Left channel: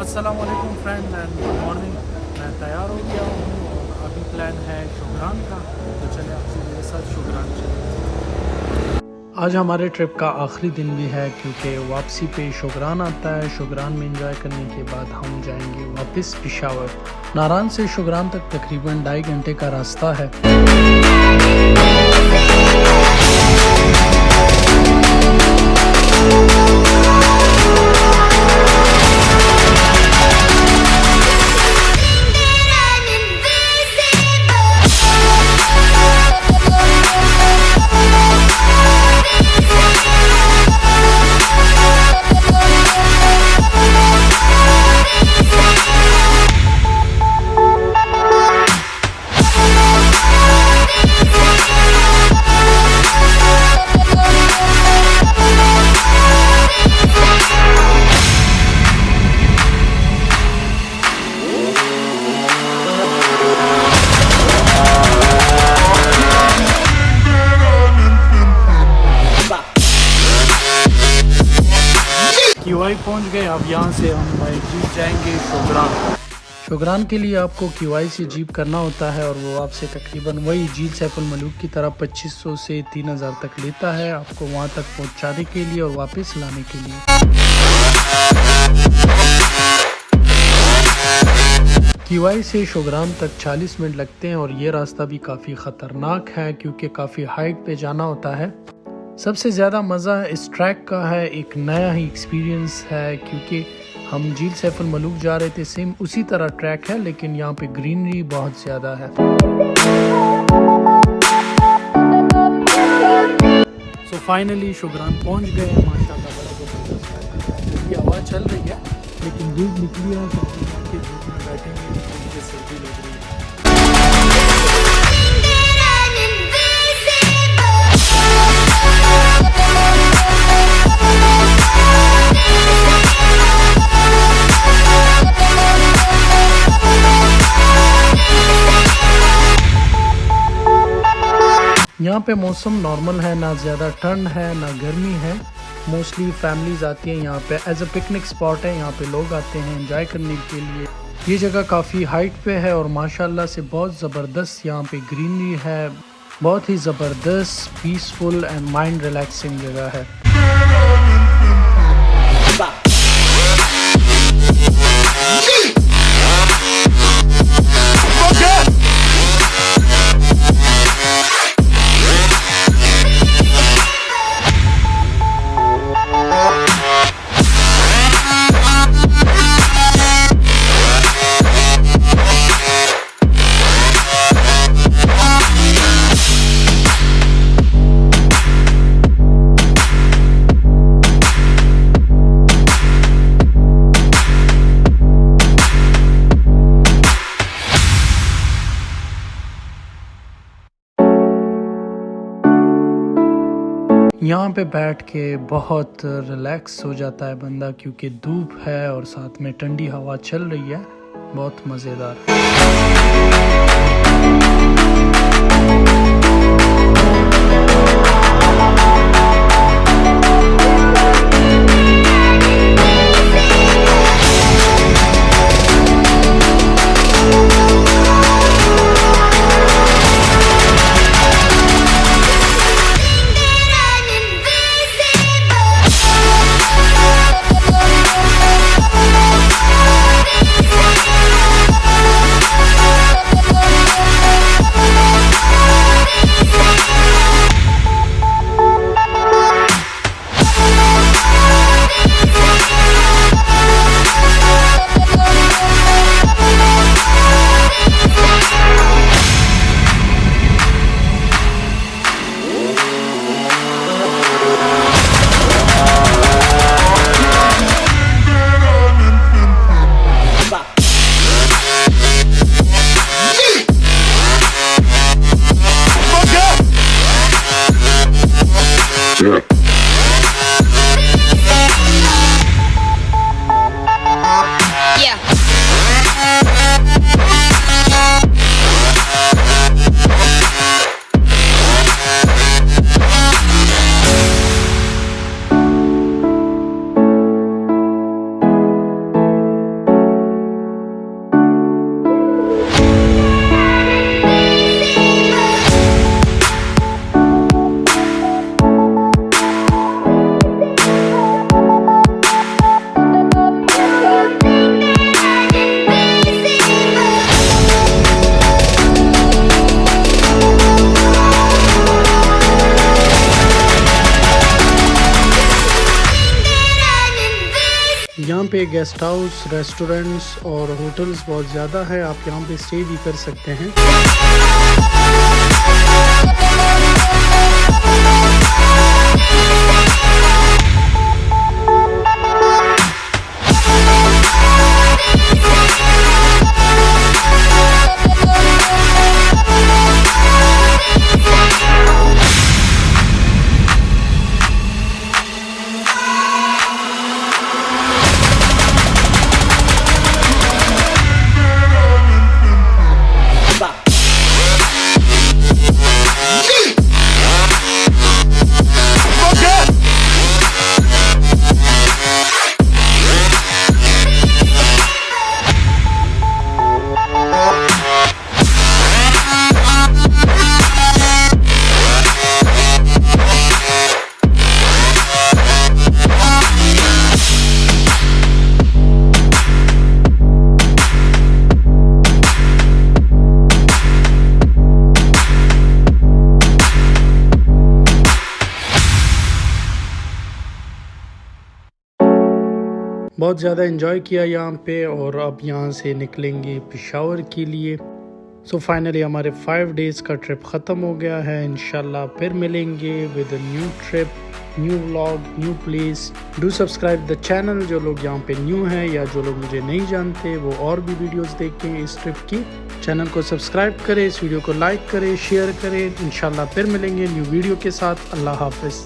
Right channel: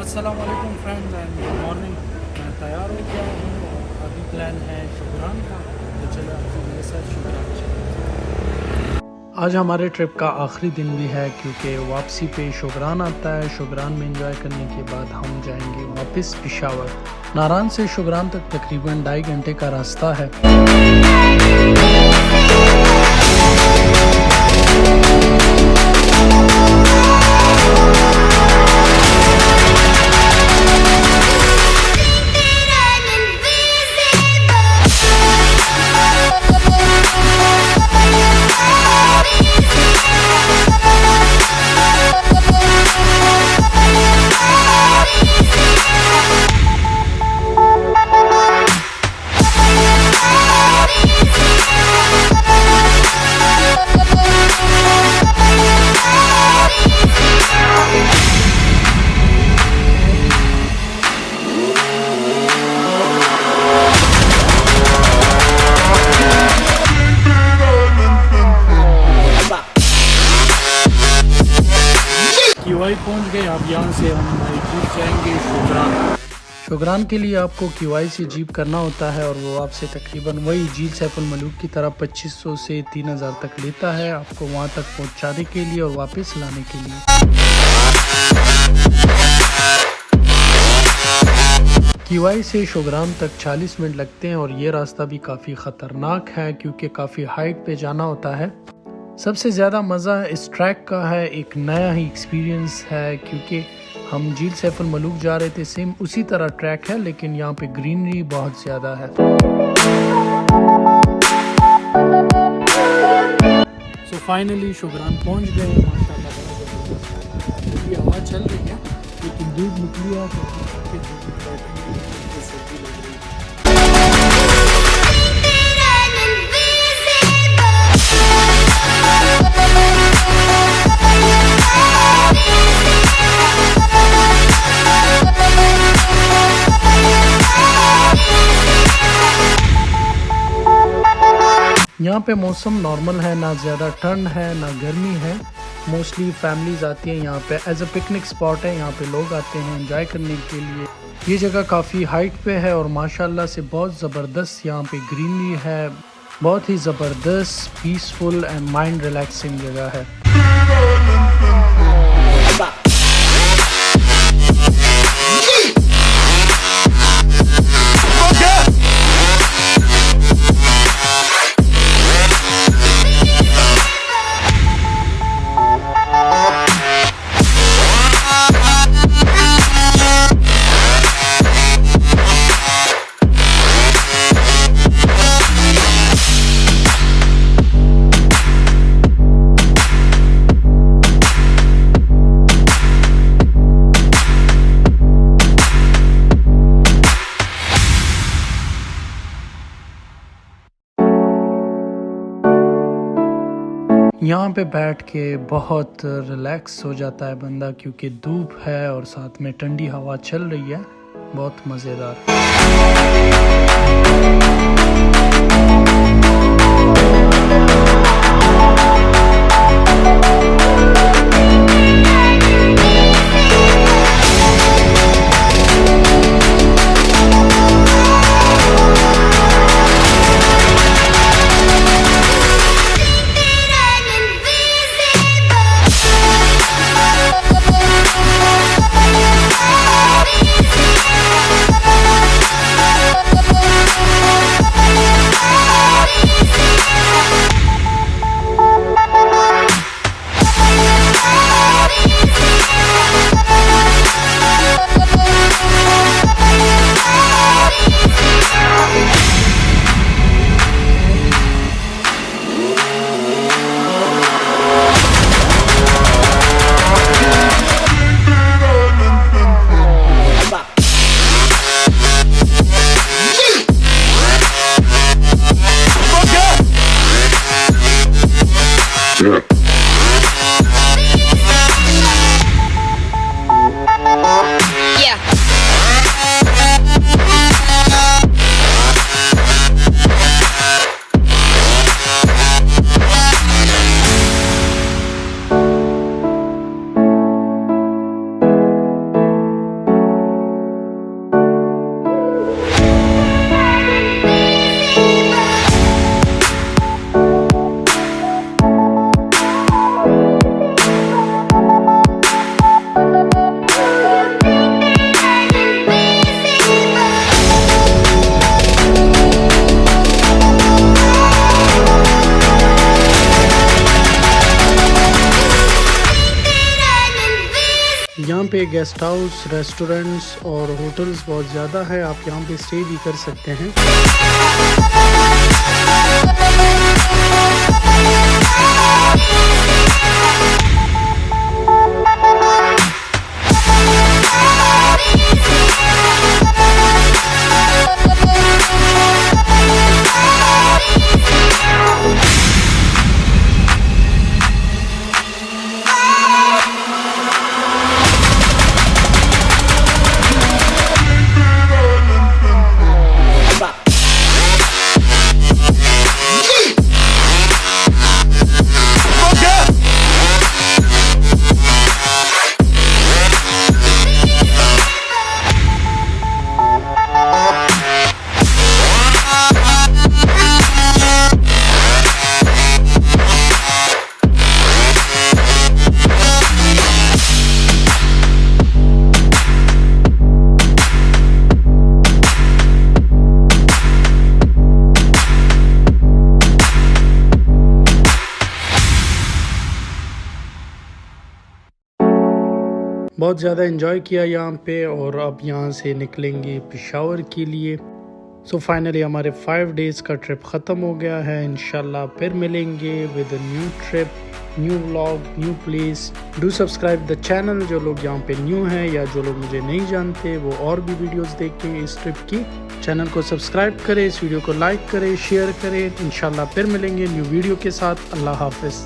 अस्सलाम वालेकुम friend and good morning. मैं तैयार हो गया हूँ और अभी प्लान है शोगरान का, तो चले आपसे मेरे साथ शोगरान चले। आज हमारे ट्रिप का आखिरी दिन भी है क्योंकि वापसी पे शोगरान आता है। शोगरान में एंजॉय करने के बाद हम जाएंगे वापस पेशावर। नारान से शोगरान तक तकरीबन 2.5 घंटे का रास्ता है। किवाई पहुंच गए। अब यहाँ से हम बाई जीप जाएंगे शोगरान। शोगरान के लिए आपको किवाई से जीप करना होता है और वो आपसे तकरीबन वही झील सैफुल मलूक की तरह 2500 से 3000 तक लेता है, आपको वहाँ तक पहुँचाने के लिए और वापस लाने के लिए। किवाई से शोगरान तक 40 मिनट लगते हैं और ये रास्ता भी काफ़ी ख़तरनाक है क्योंकि काफ़ी हाइट पे जाना होता है। सबसे ज़्यादा मज़ा इस ट्रैक का है, एक नया ही एक्सपीरियंस है क्योंकि हम झील सैफुल मलूक जा रहे थे, सेम उसी तरह ट्रैक है लेकिन यहाँ पे ग्रीनरी बहुत ज़्यादा है। सो फाइनली शोगरान पहुँच गए हैं। माशाल्लाह बड़ा ज़बरदस्त है। हवा चल रही है लेकिन धूप निकली है तो अभी धूप में बैठेंगे क्योंकि सर्दी लग रही है। यहाँ पे मौसम नॉर्मल है, ना ज़्यादा ठंड है ना गर्मी है। मोस्टली फैमिलीज आती हैं यहाँ पे, एज अ पिकनिक स्पॉट है। यहाँ पे लोग आते हैं एंजॉय करने के लिए। ये जगह काफ़ी हाइट पे है और माशाल्लाह से बहुत ज़बरदस्त यहाँ पे ग्रीनरी है। बहुत ही ज़बरदस्त पीसफुल एंड माइंड रिलैक्सिंग जगह है। यहाँ पे बैठ के बहुत रिलैक्स हो जाता है बंदा क्योंकि धूप है और साथ में ठंडी हवा चल रही है, बहुत मज़ेदार। पे गेस्ट हाउस, रेस्टोरेंट्स और होटल्स बहुत ज़्यादा है, आप यहाँ पे स्टे भी कर सकते हैं। बहुत ज़्यादा एंजॉय किया यहाँ पे और अब यहाँ से निकलेंगे पेशावर के लिए। सो फाइनली हमारे 5 डेज़ का ट्रिप ख़त्म हो गया है। इंशाल्लाह फिर मिलेंगे with a new trip, new vlog, new place. Do subscribe the channel जो लोग यहाँ पे न्यू हैं या जो लोग मुझे नहीं जानते वो और भी वीडियोस देखें इस ट्रिप की। चैनल को सब्सक्राइब करें, इस वीडियो को लाइक करें, शेयर करें। इंशाल्लाह फिर मिलेंगे न्यू वीडियो के साथ। अल्लाह हाफ़िज़।